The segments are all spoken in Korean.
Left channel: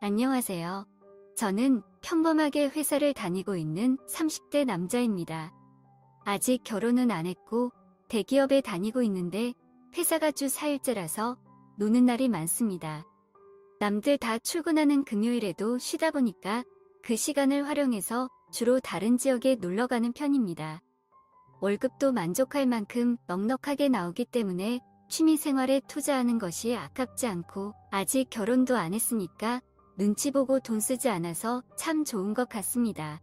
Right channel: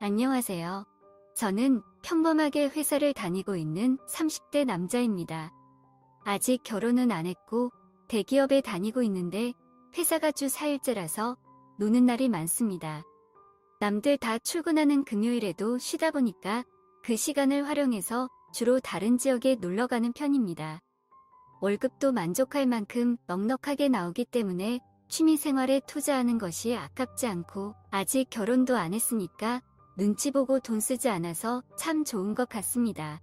안녕하세요. 저는 평범하게 회사를 다니고 있는 30대 남자입니다. 아직 결혼은 안 했고 대기업에 다니고 있는데 회사가 주 4일째라서 노는 날이 많습니다. 남들 다 출근하는 금요일에도 쉬다 보니까 그 시간을 활용해서 주로 다른 지역에 놀러 가는 편입니다. 월급도 만족할 만큼 넉넉하게 나오기 때문에 취미 생활에 투자하는 것이 아깝지 않고 아직 결혼도 안 했으니까 눈치 보고 돈 쓰지 않아서 참 좋은 것 같습니다.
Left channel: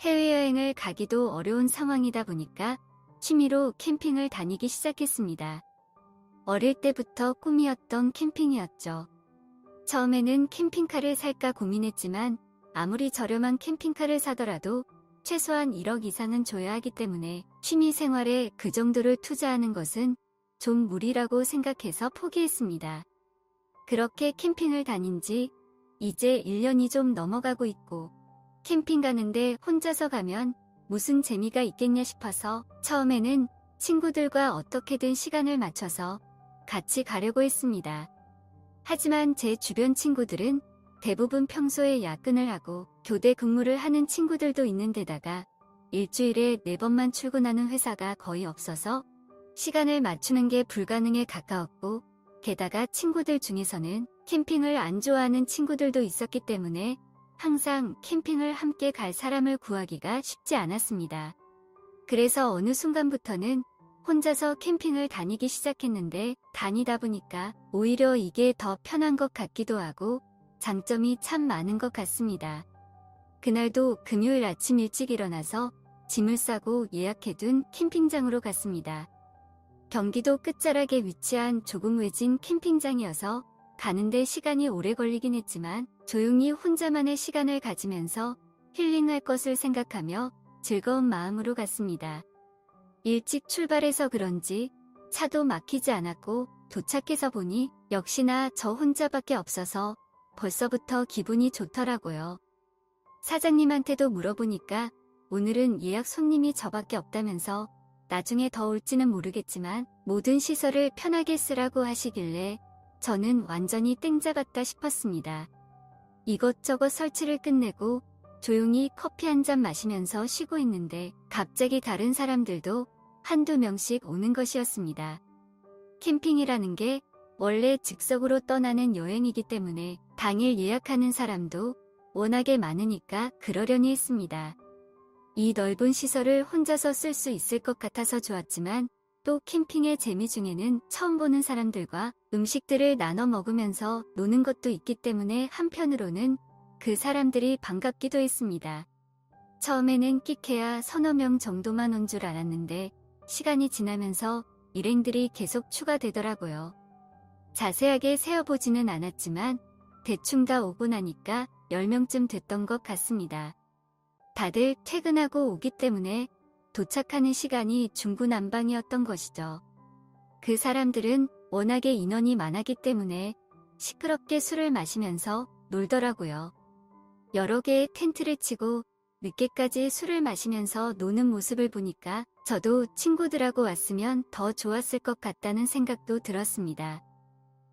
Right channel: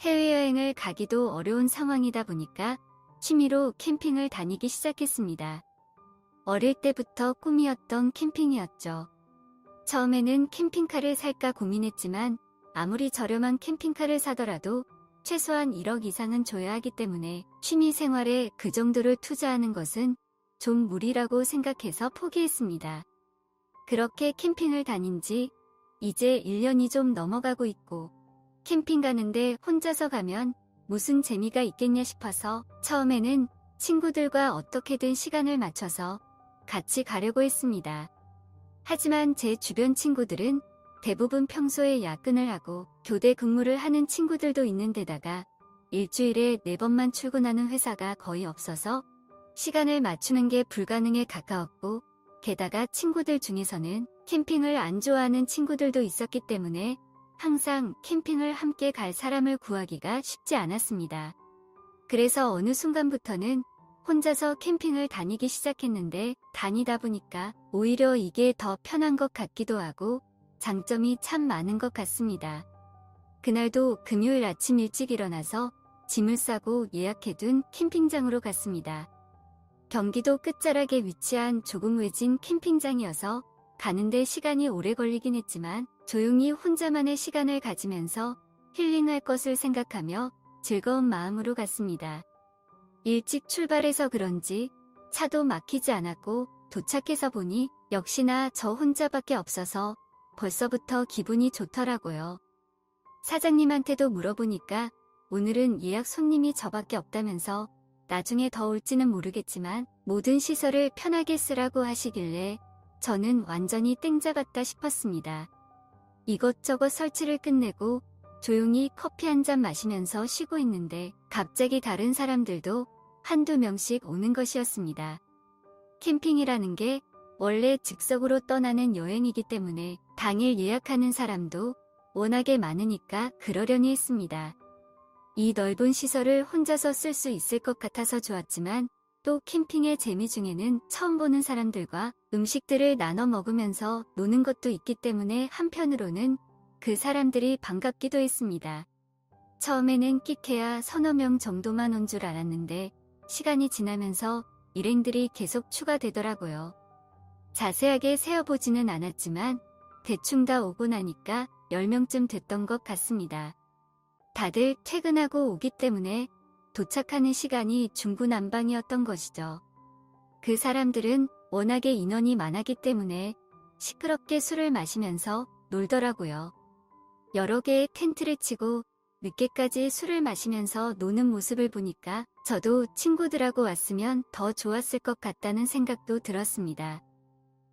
해외여행을 가기도 어려운 상황이다 보니까 취미로 캠핑을 다니기 시작했습니다. 어릴 때부터 꿈이었던 캠핑이었죠. 처음에는 캠핑카를 살까 고민했지만 아무리 저렴한 캠핑카를 사더라도 최소한 1억 이상은 줘야 하기 때문에 취미 생활에 그 정도를 투자하는 것은 좀 무리라고 생각해서 포기했습니다. 그렇게 캠핑을 다닌 지 이제 1년이 좀 넘어가고 있고 캠핑 가는데 혼자서 가면 무슨 재미가 있겠냐 싶어서 처음에는 친구들과 어떻게든 시간을 맞춰서 같이 가려고 했습니다. 하지만 제 주변 친구들은 대부분 평소에 야근을 하고 교대 근무를 하는 친구들도 있는 데다가 일주일에 4번만 출근하는 회사가 거의 없어서 시간을 맞추는 게 불가능에 가까웠고 게다가 친구들 중에서는 캠핑을 안 좋아하는 친구들도 있었기 때문에 항상 캠핑을 함께 갈 사람을 구하기가 쉽지 않았습니다. 그래서 어느 순간부터는 혼자서 캠핑을 다니기 시작했는데 다니다 보니까 오히려 이게 더 편한 것 같기도 하고 장점이 참 많은 것 같습니다. 그날도 금요일 아침 일찍 일어나서 짐을 싸고 예약해둔 캠핑장으로 갔습니다. 경기도 끝자락에 위치한 조금 외진 캠핑장이어서 가는데 시간이 오래 걸리긴 했지만 조용히 혼자만의 시간을 가지면서 힐링할 것을 생각하며 즐거운 마음으로 갔습니다. 일찍 출발해서 그런지 차도 막히지 않았고 도착해서 보니 역시나 저 혼자밖에 없어서 벌써부터 기분이 좋더라고요. 사장님한테도 물어보니까 오늘은 예약 손님이 저밖에 없다면서 나중에 더 올지는 모르겠지만 모든 시설을 편하게 쓰라고 하시길래 저는 완전히 땡 잡았다 싶었습니다. 이것저것 설치를 끝내고 조용히 커피 한 잔 마시면서 쉬고 있는데 갑자기 다른 사람들도 한두 명씩 오는 것이었습니다. 캠핑이라는 게 원래 즉석으로 떠나는 여행이기 때문에 당일 예약하는 사람도 워낙에 많으니까 그러려니 했습니다. 이 넓은 시설을 혼자서 쓸 수 있을 것 같아서 좋았지만 또 캠핑의 재미 중에는 처음 보는 사람들과 음식들을 나눠 먹으면서 노는 것도 있기 때문에 한편으로는 그 사람들이 반갑기도 했습니다. 처음에는 끼케야 서너 명 정도만 온 줄 알았는데 시간이 지나면서 일행들이 계속 추가되더라고요. 자세하게 세어보지는 않았지만 대충 다 오고 나니까 10명쯤 됐던 것 같습니다. 다들 퇴근하고 오기 때문에 도착하는 시간이 중구난방이었던 것이죠. 그 사람들은 워낙에 인원이 많았기 때문에 시끄럽게 술을 마시면서 놀더라고요. 여러 개의 텐트를 치고 늦게까지 술을 마시면서 노는 모습을 보니까 저도 친구들하고 왔으면 더 좋았을 것 같다는 생각도 들었습니다.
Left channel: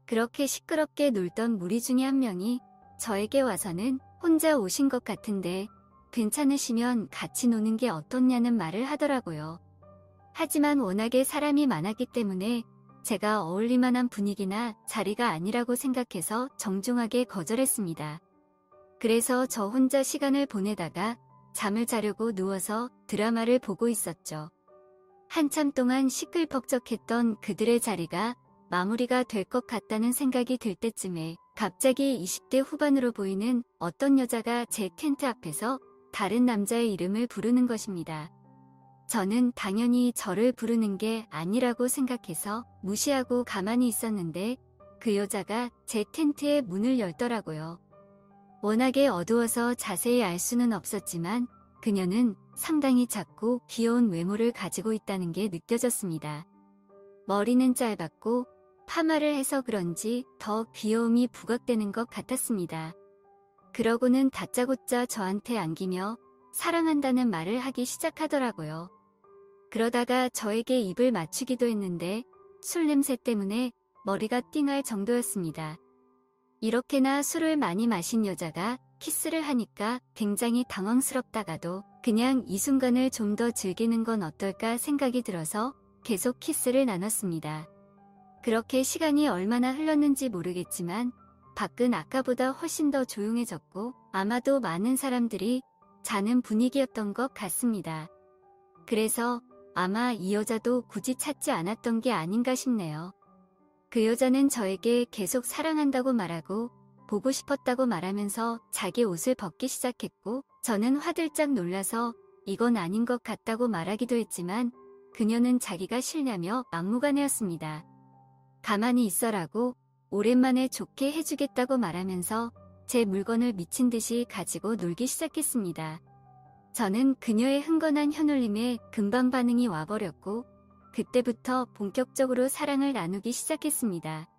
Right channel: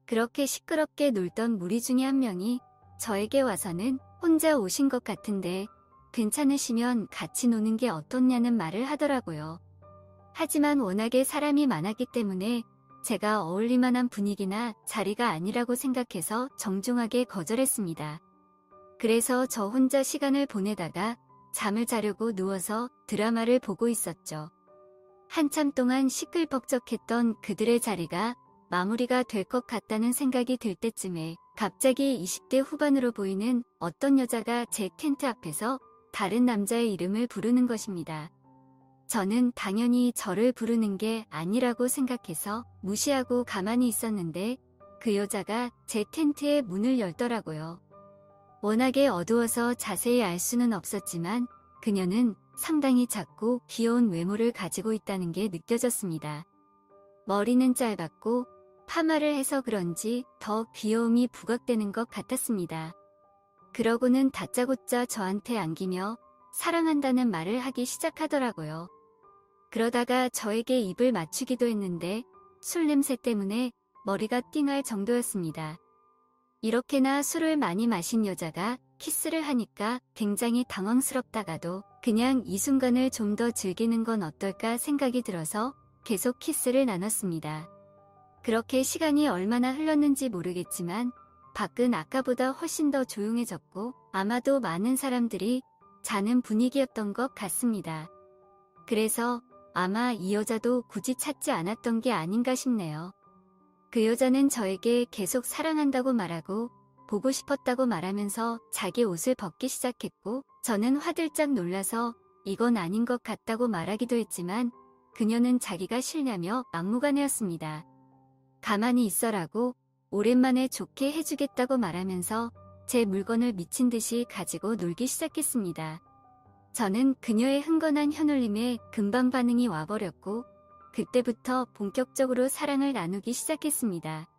그렇게 시끄럽게 놀던 무리 중에 한 명이 저에게 와서는 혼자 오신 것 같은데 괜찮으시면 같이 노는 게 어떻냐는 말을 하더라고요. 하지만 워낙에 사람이 많았기 때문에 제가 어울릴 만한 분위기나 자리가 아니라고 생각해서 정중하게 거절했습니다. 그래서 저 혼자 시간을 보내다가 잠을 자려고 누워서 드라마를 보고 있었죠. 한참 동안 시끌벅적했던 그들의 자리가 마무리가 될 것 같다는 생각이 들 때쯤에 갑자기 20대 후반으로 보이는 어떤 여자가 제 텐트 앞에서 다른 남자의 이름을 부르는 것입니다. 저는 당연히 저를 부르는 게 아니라고 생각해서 무시하고 가만히 있었는데 그 여자가 제 텐트의 문을 열더라고요. 워낙에 어두워서 자세히 알 수는 없었지만 그녀는 상당히 작고 귀여운 외모를 가지고 있다는 게 느껴졌습니다. 머리는 짧았고 파마를 해서 그런지 더 귀여움이 부각되는 것 같았습니다. 그러고는 다짜고짜 저한테 안기며 사랑한다는 말을 하기 시작하더라고요. 그러다가 저에게 입을 맞추기도 했는데 술 냄새 때문에 머리가 띵할 정도였습니다. 이렇게나 술을 많이 마신 여자가 키스를 하니까 굉장히 당황스럽다가도 그냥 이 순간을 좀 더 즐기는 건 어떨까 생각이 들어서 계속 키스를 나눴습니다. 그렇게 시간이 얼마나 흘렀는지 모르겠지만 밖은 아까보다 훨씬 더 조용해졌고 아마도 많은 사람들이 자는 분위기였던 것 같습니다. 그래서 아마 이 여자도 굳이 찾지 않았던 게 아닌가 싶네요. 그 여자는 저에게 계속 사랑한다고 말하고 보고 싶었다고 말하면서 자기 옷을 벗기 시작했고 저는 화들짝 놀라서 이건 아닌 것 같다고 말하기도 했지만 그녀는 자기가 싫냐며 막무가내였습니다. 가만히 있어라고 오랜만에 좋게 해주겠다고 말하면서 제 물건을 미친 듯이 가지고 놀기 시작했습니다. 저는 그녀의 흥건한 혀놀림에 금방 반응이 와버렸고 그때부터 본격적으로 사랑을 나누기 시작했습니다.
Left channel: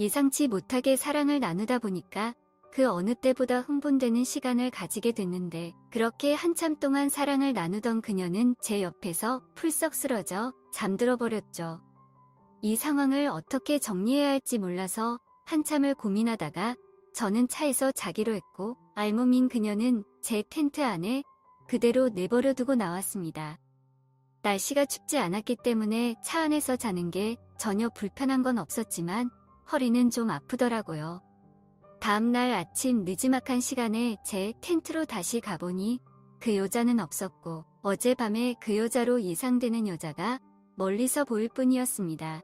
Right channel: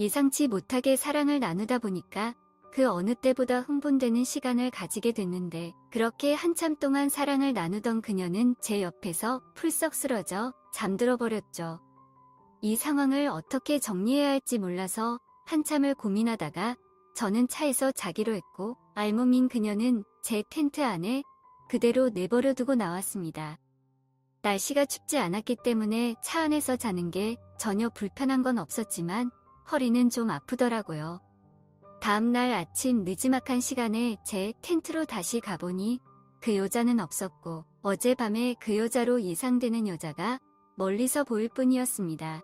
예상치 못하게 사랑을 나누다 보니까 그 어느 때보다 흥분되는 시간을 가지게 됐는데 그렇게 한참 동안 사랑을 나누던 그녀는 제 옆에서 풀썩 쓰러져 잠들어 버렸죠. 이 상황을 어떻게 정리해야 할지 몰라서 한참을 고민하다가 저는 차에서 자기로 했고 알몸인 그녀는 제 텐트 안에 그대로 내버려 두고 나왔습니다. 날씨가 춥지 않았기 때문에 차 안에서 자는 게 전혀 불편한 건 없었지만 허리는 좀 아프더라고요. 다음날 아침 늦지막한 시간에 제 텐트로 다시 가보니 그 여자는 없었고 어젯밤에 그 여자로 예상되는 여자가 멀리서 보일 뿐이었습니다.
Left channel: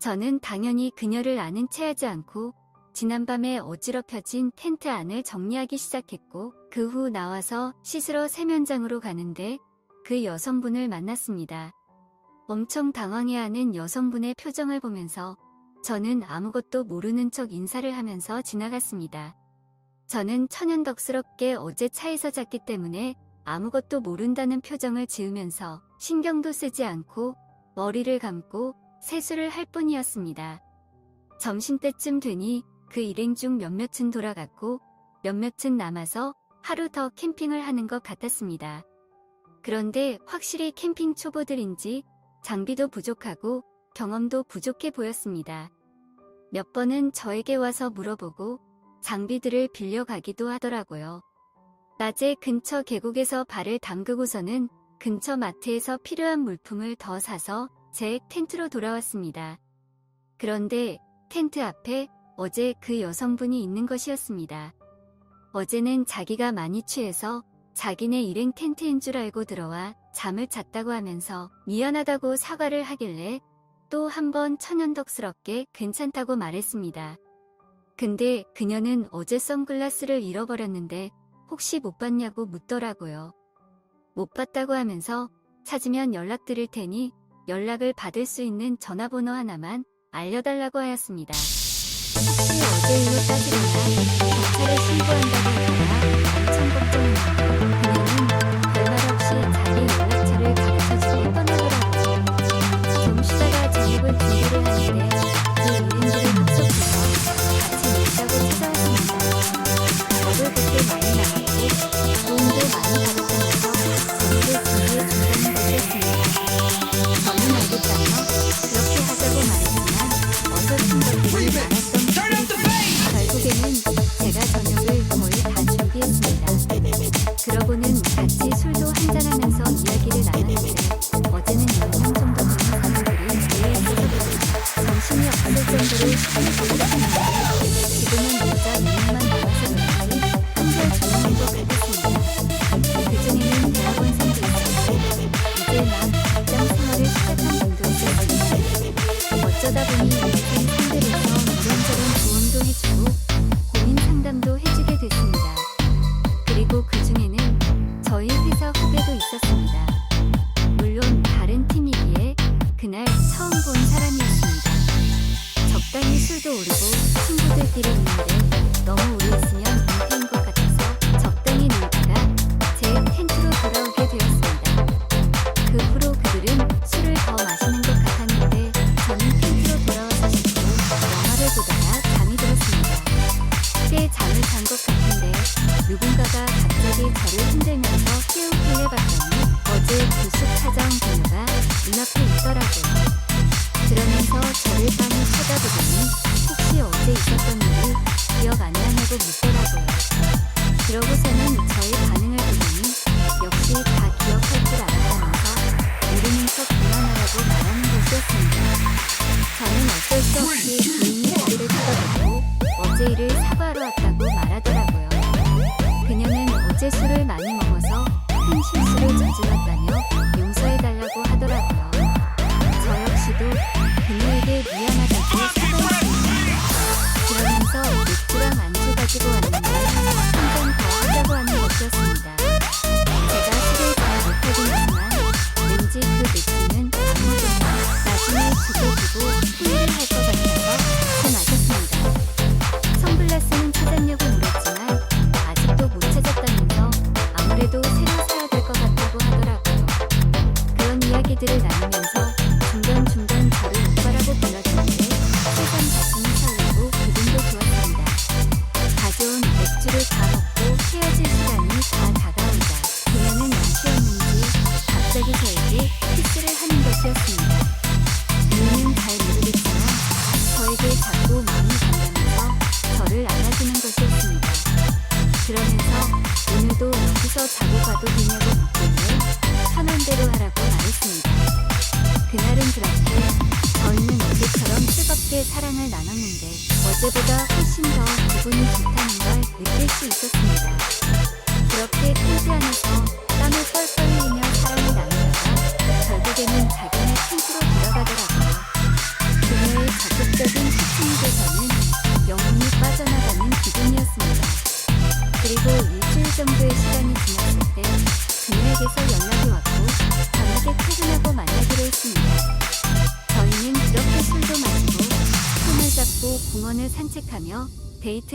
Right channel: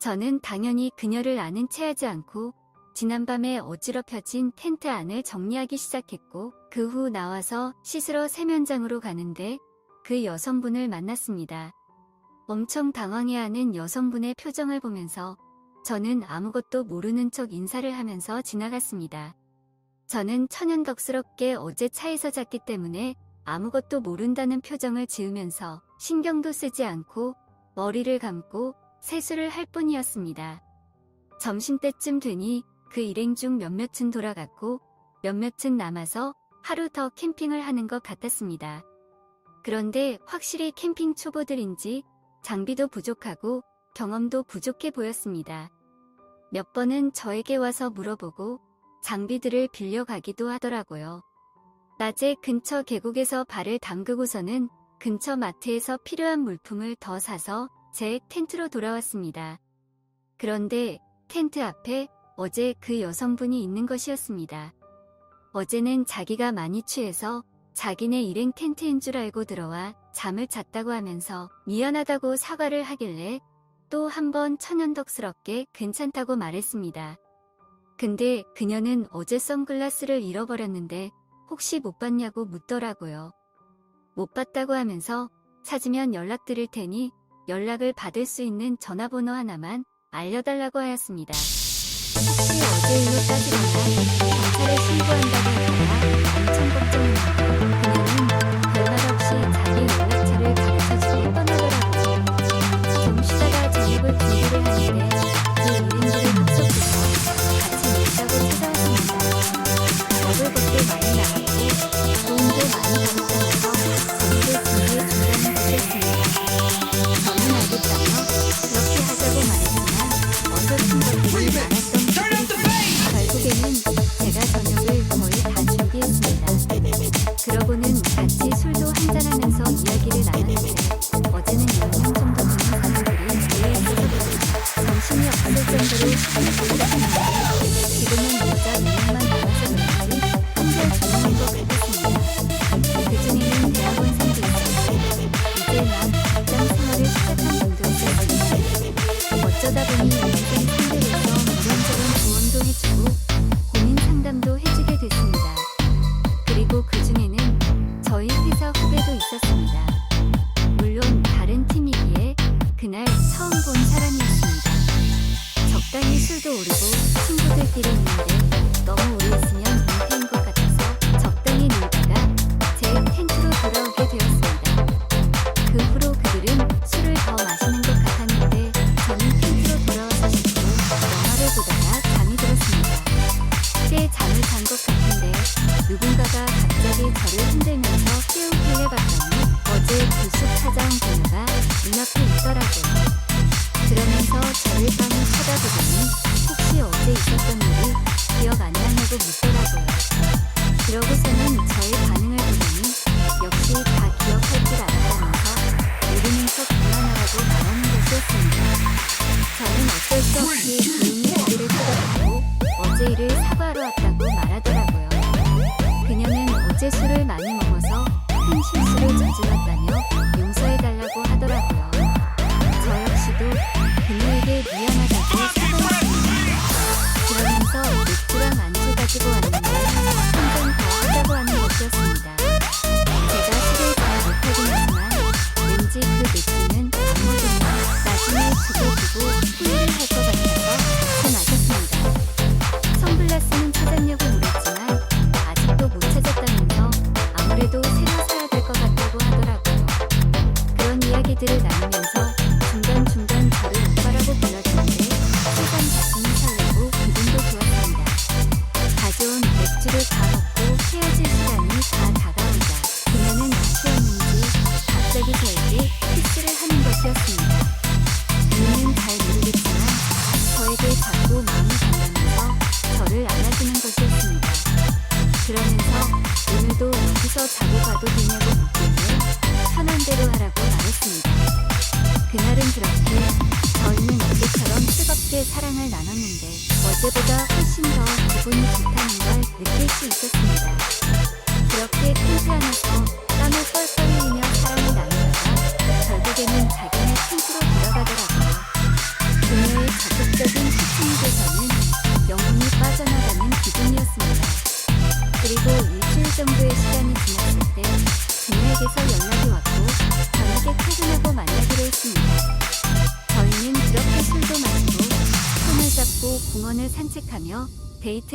저는 당연히 그녀를 아는 체 하지 않고 지난밤에 어지럽혀진 텐트 안을 정리하기 시작했고 그 후 나와서 씻으러 세면장으로 가는데 그 여성분을 만났습니다. 엄청 당황해하는 여성분의 표정을 보면서 저는 아무것도 모르는 척 인사를 하면서 지나갔습니다. 저는 천연덕스럽게 어제 차에서 잤기 때문에 아무것도 모른다는 표정을 지으면서 신경도 쓰지 않고 머리를 감고 세수를 할 뿐이었습니다. 점심때쯤 되니 그 일행 중 몇몇은 돌아갔고 몇몇은 남아서 하루 더 캠핑을 하는 것 같았습니다. 그런데 확실히 캠핑 초보들인지 장비도 부족하고 경험도 부족해 보였습니다. 몇 번은 저에게 와서 물어보고 장비들을 빌려가기도 하더라고요. 낮에 근처 계곡에서 발을 담그고서는 근처 마트에서 필요한 물품을 더 사서 제 텐트로 돌아왔습니다. 그런데 텐트 앞에 어제 그 여성분이 있는 것이었습니다. 어제는 자기가 많이 취해서 자기네 일행 텐트인 줄 알고 들어와 잠을 잤다고 하면서 미안하다고 사과를 하길래 또 한 번 천연덕스럽게 괜찮다고 말했습니다. 근데 그녀는 어제 선글라스를 잃어버렸는데 혹시 못 봤냐고 묻더라고요. 못 봤다고 하면서 찾으면 연락드릴 테니 연락을 받을 수 있는 전화번호 하나만 알려달라고 하였습니다. 혹시 어제 일로 따지면 차를 신고한다는 거라 참 걱정입니다. 그녀는 별말 없이 자기 연락처를 가르쳐주고 떠나더라고요. 점심시간 저녁을 준비를 하는데 그 요인들을 합석해서 같이 놀자고 전화했습니다. 저를 그렇게 많이 나갔고 돈도 많이 벌었어서 그렇게 준비했습니다. 저는 알겠다고 그렇게 하자고 말했지만 어느 순간부터 말았던 결국에는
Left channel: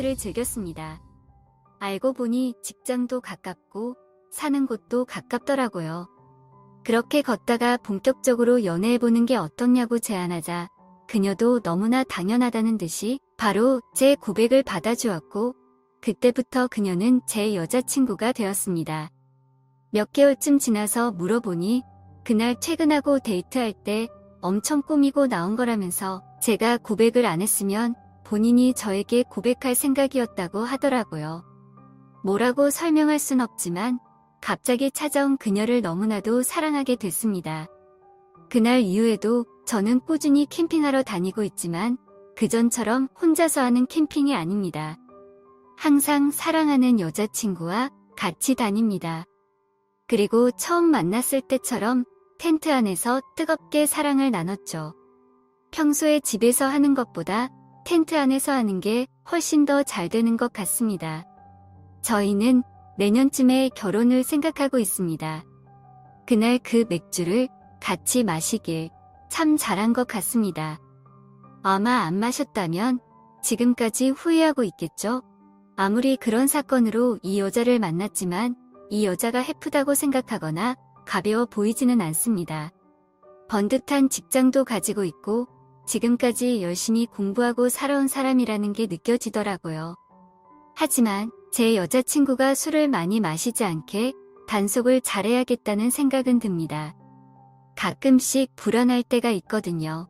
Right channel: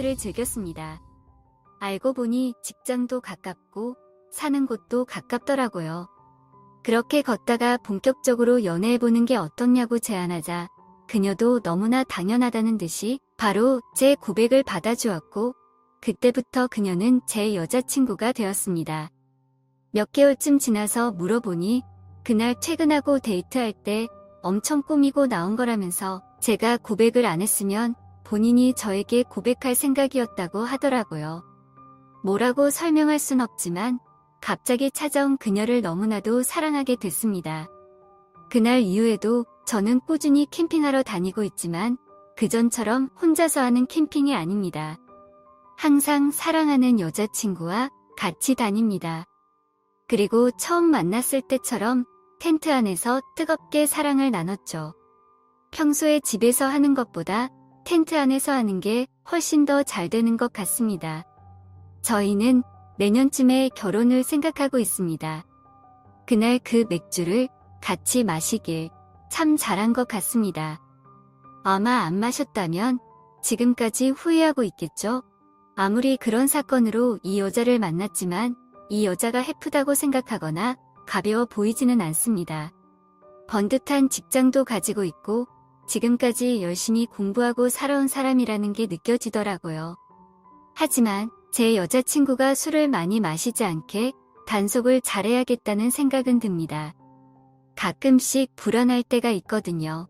여행을 즐겼습니다. 알고 보니 직장도 가깝고 사는 곳도 가깝더라고요. 그렇게 걷다가 본격적으로 연애해보는 게 어떻냐고 제안하자 그녀도 너무나 당연하다는 듯이 바로 제 고백을 받아주었고 그때부터 그녀는 제 여자친구가 되었습니다. 몇 개월쯤 지나서 물어보니 그날 퇴근하고 데이트할 때 엄청 꾸미고 나온 거라면서 제가 고백을 안 했으면 본인이 저에게 고백할 생각이었다고 하더라고요. 뭐라고 설명할 순 없지만 갑자기 찾아온 그녀를 너무나도 사랑하게 됐습니다. 그날 이후에도 저는 꾸준히 캠핑하러 다니고 있지만 그전처럼 혼자서 하는 캠핑이 아닙니다. 항상 사랑하는 여자친구와 같이 다닙니다. 그리고 처음 만났을 때처럼 텐트 안에서 뜨겁게 사랑을 나눴죠. 평소에 집에서 하는 것보다 텐트 안에서 하는 게 훨씬 더 잘 되는 것 같습니다. 저희는 내년쯤에 결혼을 생각하고 있습니다. 그날 그 맥주를 같이 마시길 참 잘한 것 같습니다. 아마 안 마셨다면 지금까지 후회하고 있겠죠? 아무리 그런 사건으로 이 여자를 만났지만 이 여자가 해프다고 생각하거나 가벼워 보이지는 않습니다. 번듯한 직장도 가지고 있고 지금까지 열심히 공부하고 살아온 사람이라는 게 느껴지더라고요. 하지만 제 여자친구가 술을 많이 마시지 않게 단속을 잘해야겠다는 생각은 듭니다. 가끔씩 불안할 때가 있거든요.